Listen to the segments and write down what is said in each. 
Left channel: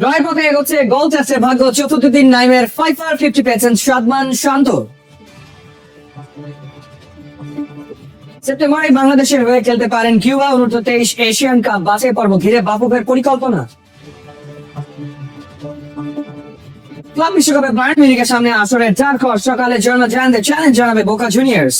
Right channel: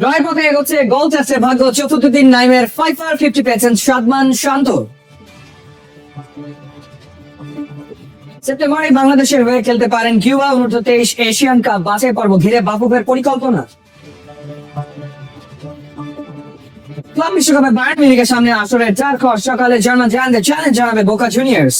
ড্রয়ের পথে এগোচ্ছে গোল টেস্টে ভাগ্য চতুর্থ দিন নাইমের 5/50 পেয়েছেন সাদমান শান্ত। সেপ্টেম্বরে বাংলাদেশের হয়ে খেলতে পারেন কিউবা অনূর্ধ্ব-23 এশিয়ান কাপ বাছাই পর্ব ঘিরে বাফুফের পরিকল্পনা। ক্লাব বিশ্বকাপে বায়ার্ন মিউনিখের সামনে আসরের 4 খর সকালে জার্মান জায়ান্টদের চ্যালেঞ্জ জানাবে বোকা জুনিয়র্স।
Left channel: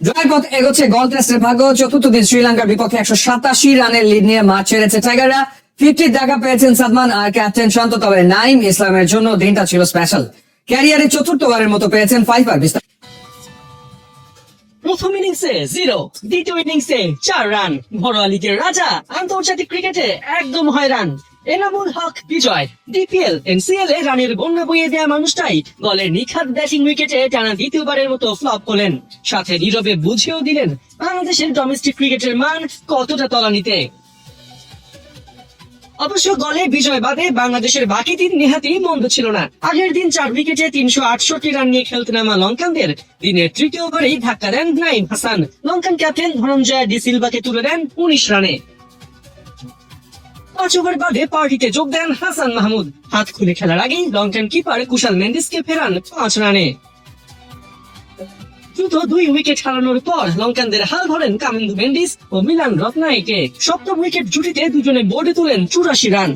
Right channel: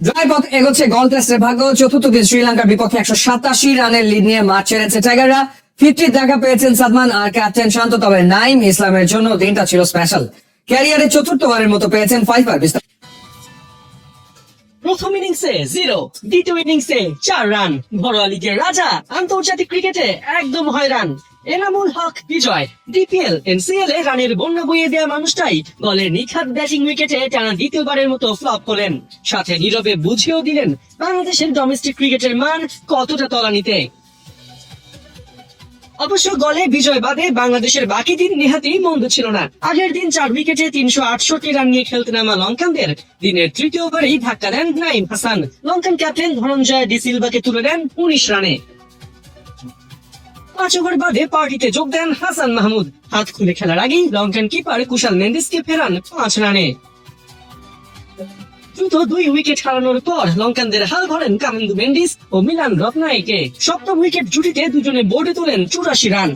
জয়ের পথে এগোচ্ছে গোল টেস্টে ভাগ্য চতুর্থ দিন শ্রীলঙ্কার বিপক্ষে 187 রানের লিড নিয়ে মাঠ ছেড়েছে টাইগাররা। 50 দেখা পেয়েছেন সাদমান আর ক্যাপ্টেন শান্ত, তবে নাইম ইসলামের জন্য দিনটা ছিল স্পেশাল। ক্যারিয়ারে চতুর্থবারের মতো পেয়েছেন 5 প্রথম ইনিংসে 0, দ্বিতীয় ইনিংসে 4 রান। ঘরোয়া লিগের রাজা, আন্তর্জাতিক ক্রিকেটে একদম হয়রান। এনামুল হক বিজয়। ডিপিএল এনসিএল এ রানের বন্যা বইয়ে দেওয়া মানুষটাই দলের নিখাত ব্যাটিং উইকেটে টানা দ্বিতীয়বারের মতো ফ্লপ করলেন। সাথে নীরবে বুঝিয়েও দিলেন বাংলাদেশের ডোমেস্টিক ক্রিকেটের মান কতটা তলানিতে। অবশ্য দলে বিজয় বাদে বাংলাদেশের বাকি দিন নেহাতি মন্দ ছিল না। আগের দিন 4 উইকেটে 368 রান নিয়ে খেলতে নামা লঙ্কানদের দিনের তৃতীয় ওভারেই ধাক্কা দেন নাইম হাসান। লঙ্কান ক্যাপ্টেন ধনঞ্জয় ডি সিলভাকে তুলে দেন 19 রানে। 5 ওভার বাদে পার্টিতে যোগ দেন হাসান মাহমুদ। হাত খুলে খেলার আগেই লঙ্কান কিপার কুশাল মেন্ডিসকে ফেরান 5 রানে। দ্রুত 2 উইকেট হারানোর পর লঙ্কানদের হাল ধরেন কামিন্দু মেন্ডিস ও মিলান রত্নায়কে। সপ্তম উইকেট জুটিতে দুজনে বোর্ডে তুলেন 84 রান।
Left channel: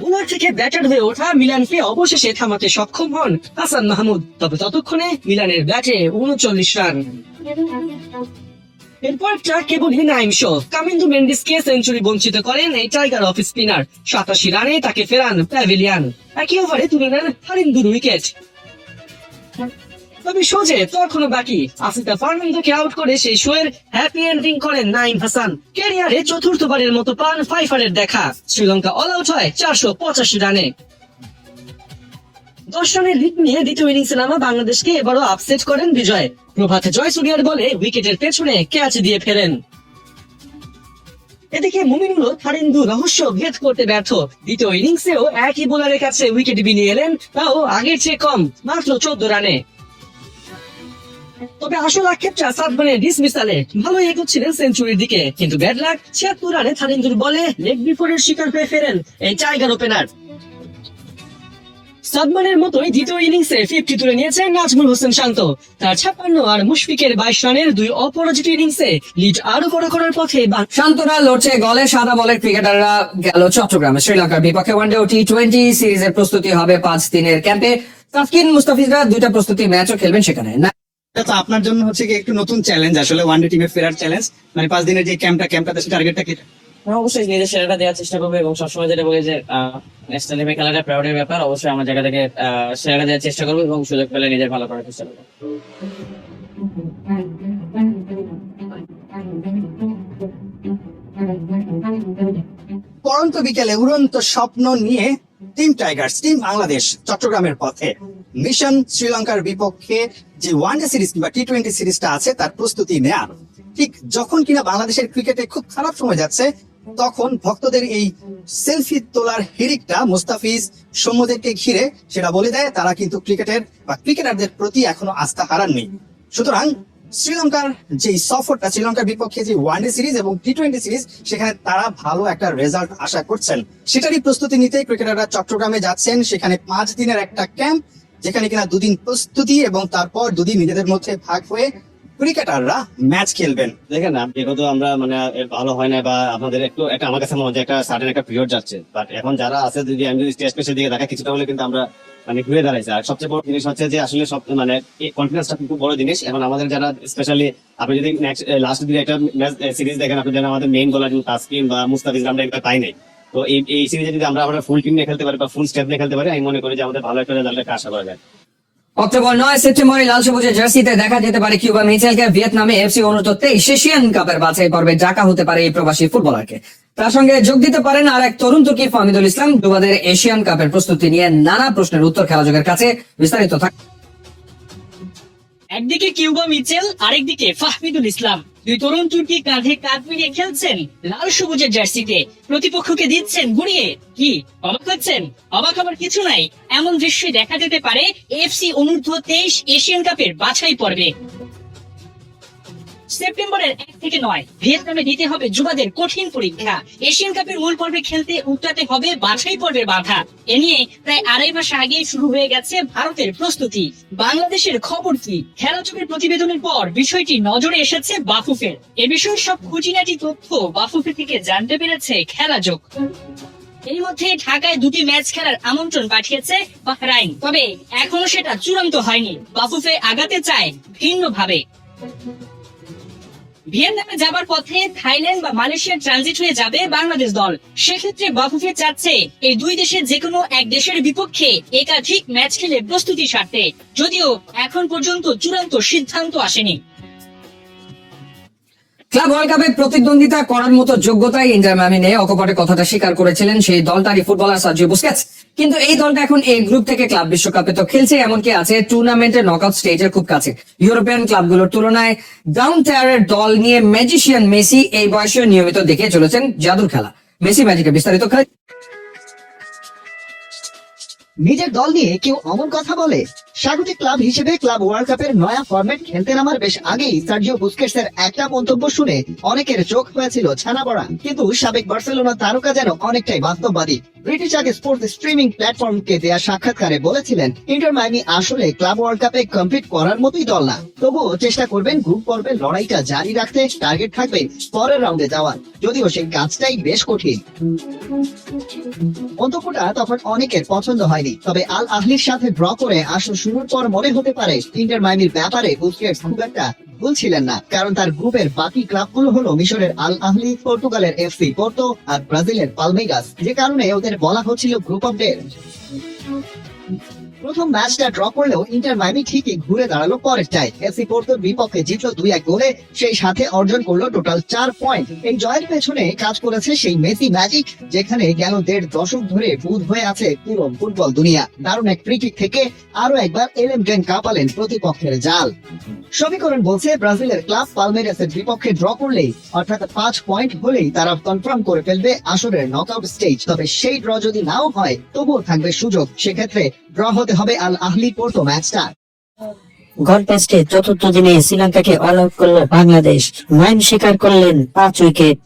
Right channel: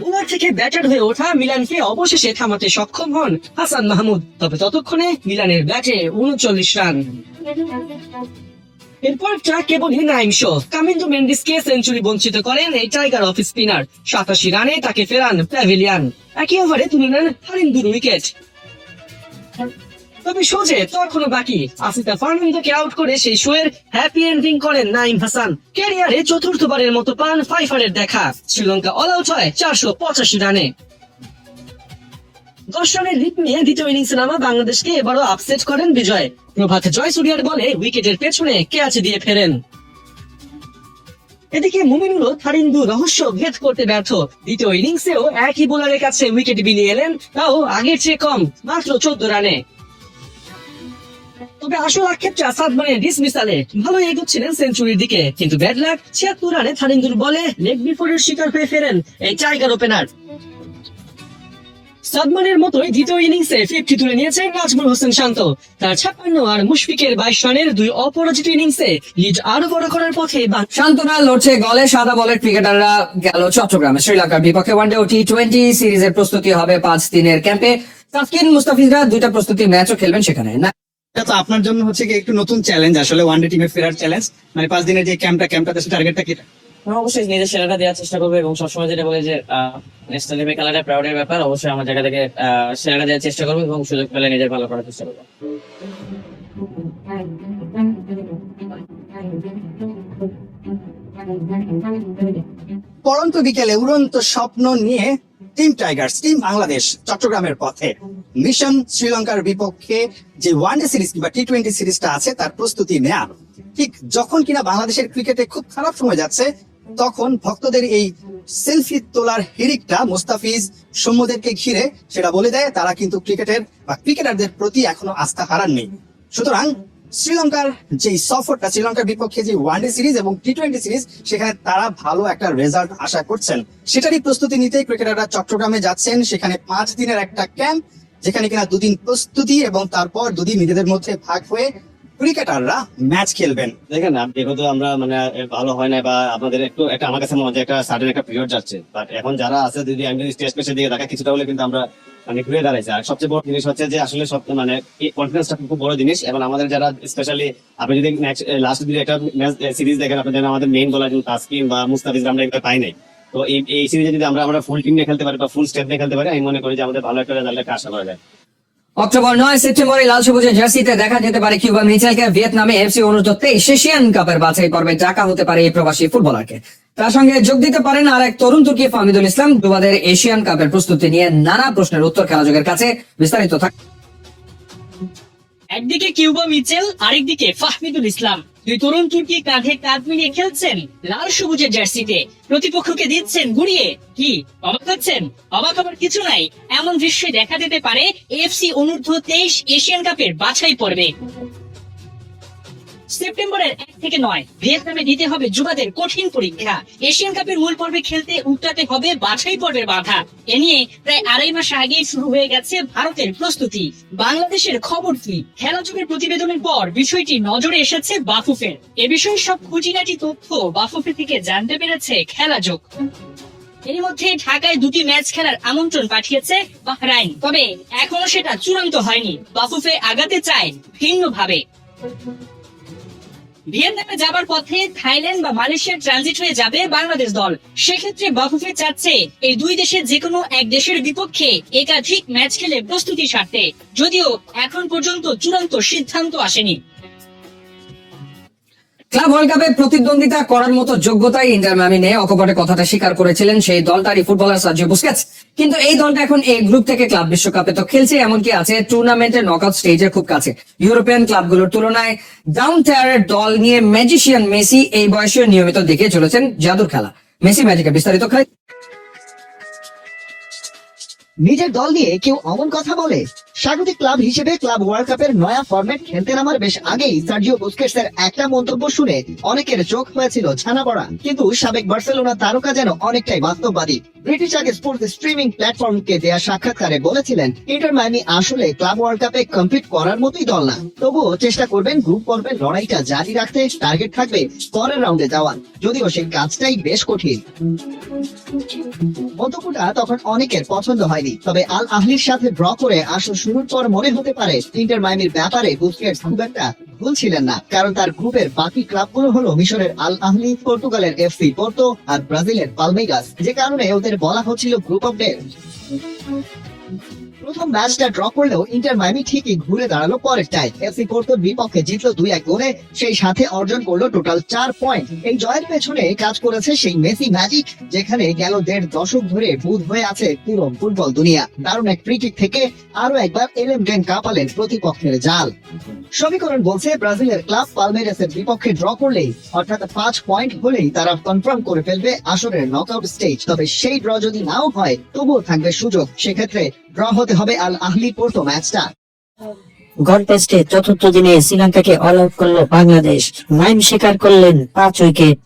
বোলার থেকে ব্যাটার হয়ে ওঠা মিলানকে অবশেষে থামাতে সক্ষম হন হাসান মাহমুদ, তবে ততক্ষণে মিলানের ব্যাটে 39 রান। এরপর কেবলই নাইম শো। কামিন্দু মেন্ডিসকে সেঞ্চুরি বঞ্চিত করেন এই টাইগার অফ স্পিনার। 87 রানে তাকে ফেরান প্যাভিলিয়ান। একই ওভারে তুলে নেন হারিন্দুর উইকেট। তবে শোজে তখনও বাকি। আসিফা ফার্নান্দোকে আউট করে সেই শোয়ের হ্যাপি এন্ডিং করেন নাইম হাসান। ক্যারিয়ারে চতুর্থবারের মতো পান 5-এর দেখা। শ্রীলঙ্কা অল আউট হয় 485 রানে। 10 রানের লিড নিয়ে দ্বিতীয় ইনিংসে নামা বাংলাদেশকে এবারও আপসেট করেন বিজয়। প্রভাতে জয়সূর্যার বলে উইকেটের পেছনে ক্যাচ দিয়ে ফেরেন। এদিকে মুমিনুলও হারিন্দু রহস্য ভেদ করতে ব্যর্থ। দ্বিতীয় ইনিংসেও একই বোলারের কাছে উইকেট বিলিয়ে এলেন, তাও আগের চেয়ে কম, মাত্র 14 রানে। তবে আসল আক্ষেপটা সাদমানের ডিসমিসালে। ভালো এগোচ্ছিলেন সেঞ্চুরির দিকে, কিন্তু ব্যাড লাক 76 রানে হারিন্দুর বলে লেগ বিফোরের শিকার হয়ে ফেরেন এই টাইগার ওপেনার। সাদমানের মতোই দ্বিতীয় ইনিংসে 50 তুলে নিয়েছেন নাজমুল হোসেন শান্ত। তার 56 আর মুশফিকের 22 রানের 2 অপরাজিত ইনিংসে লিড আরো বড় করার পথে। শান্তরা লড়ছে গলে সাদা বলের ক্রিকেটাররা গেল চট্টগ্রামে। শ্রীলঙ্কার বিপক্ষে ওয়ানডে ও টি20 সিরিজের প্রস্তুতি হবে 5 দিনের ক্যাম্পে। তাসকিন মুস্তাফিজরা 2টা প্রস্তুতি ম্যাচও খেলবেন সেখানে। এটা তো আপনার জন্য হচ্ছে কি একটু নতুন চ্যালেঞ্জ, আসলে ওয়ানডে টিমে ফেরার চ্যালেঞ্জ। মানে 5 দিনের যে ক্যাম্পটা টার্গেটটা কি? অবশ্যই নিজের সেরাটা দেওয়ার চেষ্টা করবো এবং সবসময় যেটা বলে যে ন্যাশনাল টিমে খেলাটা প্রায়োরিটির ব্যাপার। অবশ্যই আমার জায়গা থেকে সেরাটা দেওয়ার চেষ্টা করবো এবং সুযোগ পেলে নিজের ভালো করার চেষ্টা করবো। পড়ন্ত বিকেলে উড়ন্ত স্বপ্ন নিয়ে টিম টাইগার্স, টিম বাংলাদেশ চট্টগ্রামের পথে। মিশন শ্রীলঙ্কার বিপক্ষে যে ওয়ানডে সিরিজ কিংবা টি20 সিরিজটা আছে তার প্রস্তুতি নেয়া। ঠিক যখন কিনা বাংলাদেশের ক্রিকেটে খুব খারাপ সময় যাচ্ছে, তখন ভক্তদের এই সেলফি তোলার হিড়িকটা মুস্তাফিজ সৌম্যদেরকে ঘিরে সেটা বলে দেয় তারা কিন্তু ক্রিকেটের বা ক্রিকেটারদের প্রতি এখনো আস্থা হারাননি। সুতরাং শ্রীলঙ্কার যে সফরটা, শ্রীলঙ্কার বিপক্ষে যে ওয়ানডে সিরিজ এবং টি20 সিরিজ, সেখানে তারা ভালো একটা রেজাল্ট আশা করছেন। সেটারই প্রস্তুতি নিতে ক্রিকেটাররা চট্টগ্রামে যাচ্ছেন। সেখানে 5 দিনের একটা ক্যাম্প, যেখানে কিনা 2 দিন প্রস্তুতি এবং তারপর 2 দিন নিজেদের মধ্যে ভাগ হয়ে ক্রিকেটাররা ম্যাচ খেলবেন। দেখেন যেহেতু আমরা মানে ভালো হয় না বা আপনাদের একটু একটা আমার কাছে মনে হয় একটা সাডেন একটা পিরিয়ড যাচ্ছে, বাট এখন যারা আছে যদি আমি যদি টেস্ট ম্যাচের দিকে দেখা কিছুটা হলে কিন্তু আমরা মানে ঘুরে দাঁড়াইছে। আর সবচেয়ে বড় জিনিস হচ্ছে যে আসলে সব মানে কনফিডেন্সটা খুব বড় জিনিস। এখন আমাদের যারা স্পেশালি আপনি যদি লাস্ট দিকে একটা ম্যাচ সিরিজ দেখেন, আপনি জানেন আমাদের মেইন বোলার তাসকিন বা মুস্তাফিজ আমরা একটা পাই নাই। তো এই সিরিজে যদি আমরা ফুল টিম নিয়ে খেলতে পারি বা ফুল স্টেপ নিয়ে খেলতে পারি, আমি মনে করি যে আমাদের ভালো একটা রেজাল্টের আশা করা যায়। অক্টোবর 9 সেপ্টেম্বরে লাল সবুজের জার্সিতে দেখা যেতে পারে কিউবা মিচেলকে। ভিয়েতনামে এফসি অনূর্ধ্ব-23 এশিয়ান কাপের বাছাই পর্বে ডাকা হতে পারে এই প্রবাসী ফুটবলারকে। তার সঙ্গে যোগ দিতে পারেন আর এক তরুণ তুর্কি ফাহমিদুল ইসলাম। যুবাদের এশিয়ান কাপের প্রস্তুতি নিয়ে নানা প্রশ্নের উত্তর খেলাযোগের কাছে বিস্তারিত থাক। একদিকে কিউবা মিচেল, আরেকদিকে ফাহমিদুল ইসলাম। 2 তরুণ তুর্কি কাঁধে কাঁধ মিলিয়ে খেলছেন লাল সবুজের জার্সিতে। প্রতিপক্ষকে দিচ্ছেন গুড়িয়ে। কি অবাক হচ্ছেন? অবাক হবার কিছু নাই। এমন দৃশ্যই দেখা যেতে পারে এফসি অনূর্ধ্ব-23 এশিয়ান কাপের বাছাই পর্বে। সেপ্টেম্বরের 1 থেকে 9 ভিয়েতনামে দিতে হবে যুবাদের কঠিন পরীক্ষা। এশিয়ান কাপের মূল পর্বে খেলতে উল্টাতে হবে বাছাই পর্বের বাধা। এ নিয়ে প্রায় 2.5 মাস আগে শুরু হয়ে গেছে ভারতের প্রস্তুতি। বাংলাদেশের খবর কি? খেলা যুগের প্রতিবেদনের পর বিষয়টি নজরে এসেছে বাফুফের। এ বিষয়ে সব খুঁটিনাটি তথ্য বাফুফে থেকে জানতে পেরেছে খেলা যোগ। এর মধ্যে ঢাকায় 2টি ম্যাচ খেলার আমন্ত্রণ পাঠিয়েছে বাহরাইন, তবে এখনো সেটা চূড়ান্ত হয়নি। বাফুফে আগাতে চায় ভিন্নভাবে। ভিয়েতনামে যাবার পথে থাইল্যান্ড বা মালয়েশিয়ার ট্রানজিট হয়ে যাবে বাংলাদেশ দল। সেক্ষেত্রে বাফুফে চাচ্ছে এই দুই দেশের যে কোনো এক দেশের বিপক্ষে একাধিক ম্যাচ খেলে প্রস্তুতি সারতে, যদিও এখন পর্যন্ত চূড়ান্ত সিদ্ধান্ত আসেনি। ক্লাব ওয়ার্ল্ড কাপে প্রতিদ্বন্দ্বিতা করার মতো যোগ্যতাই ইন্টার মিয়ামি নেই, অকপটে কথাটা স্বীকার করেছিলেন সেই দলটারই ফুটবলার সার্জিও বুস্কেটস। কিন্তু এই দলটা এখন এই গ্রুপ থেকে ক্লাব বিশ্বকাপে তো খেলছে, এমনকি আছে টুর্নামেন্টের নকআউট স্টেজের খুব কাছে। ইউরোপিয়ান ক্লাবগুলোর তুলনায় ডাউন টায়ারের দল নিয়ে ম্যাজিশিয়ান মেসি এই বয়সে নিয়মিত দেখে চলেছেন জাদুর খেলা। মেসি ম্যাজিকে বিস্তারিত খেলা। নিজের দল নিয়ে কেউ অমন কথা বলে? স্বাগতিক ক্লাব হিসেবে ক্লাব ওয়ার্ল্ড কাপের নয়া ফরম্যাট খেলতে নামার বেশ আগেই সার্জিও বুস্কেটস এর একটা মন্তব্য শুনে অনেকের চোখ হয়েছিল ছানা পড়া। কিন্তু সাবেক বার্সেলোনা তারকা যেন অনেকটাই বাস্তববাদী। ব্রিটিশ আগে স্পোর্টস স্ট্রিমিং প্ল্যাটফর্মকে দেয়া সাক্ষাৎকারে বলেছিলেন, ইন্টার মায়ামি আসলে ক্লাব ওয়ার্ল্ড কাপে কম্পিট করার মতোই দল না, তবুও চেষ্টা করবেন গ্রুপ পর্বের লড়াইটা জারি রাখতে। টার্গেট থাকবে পরের রাউন্ডে যাওয়ার, যদিও সেই কাজটাই বেশ কঠিন। মন্তব্যটা তখন অনেকের পছন্দ হয়নি, তবে আল আহলির সাথে ড্র করে আসর শুরুর পর মনে হতে পারে ইন্টার মায়ামির ব্যাপারে বুস্কেটস খুব একটা ভুল ছিলেন না, কারণ তার গ্রুপের বাকি ক্লাবগুলো হলো মিশরের আল আহলি, পর্তুগালের এফসি পোর্তো আর ব্রাজিলের পালমেইরাস, যে কারণে ওদের বলা হচ্ছিল গ্রুপ অফ ডেথ। প্রথম ম্যাচটা ড্র করলেও ইন্টার মায়ামি ঠিকই ঘুরে দাঁড়ালো পরেরটায়। এফসি পোর্তোর বিপক্ষে জিতলো 2-1 গোলে, সেই সাথে অর্জন করলো টোটাল 4 পয়েন্ট। এই জয়ের পেছনে কাজ করেছে সেই মেসি ম্যাজিক, যেখানে গেল 1.5 দশক ধরে বুঁদ হয়ে আছে পুরো ফুটবল দুনিয়া। দারুণ এক ফ্রি কিক থেকে আরো একবার এলেমডেন কাঁপালেন প্রতিপক্ষের জাল। সমীকরণ বলছে ব্রাজিলের ক্লাব পালমেইরাসের বিপক্ষে ড্র করলেই, অর্থাৎ 5 পয়েন্ট হলেই তারা কনফার্ম করে ফেলবে আসরের নকআউট স্টেজ। তবে সেই ড্র যদি নাও হয় তবুও থাকবে সুযোগ, সেক্ষেত্রে ড্র হতে হবে আল আহলি পোর্তো ম্যাচটা। গড় টেস্টে চতুর্থ দিনে শ্রীলঙ্কাকে অল আউট করল বাংলাদেশ। 9 শিকার করলেন 5 উইকেট।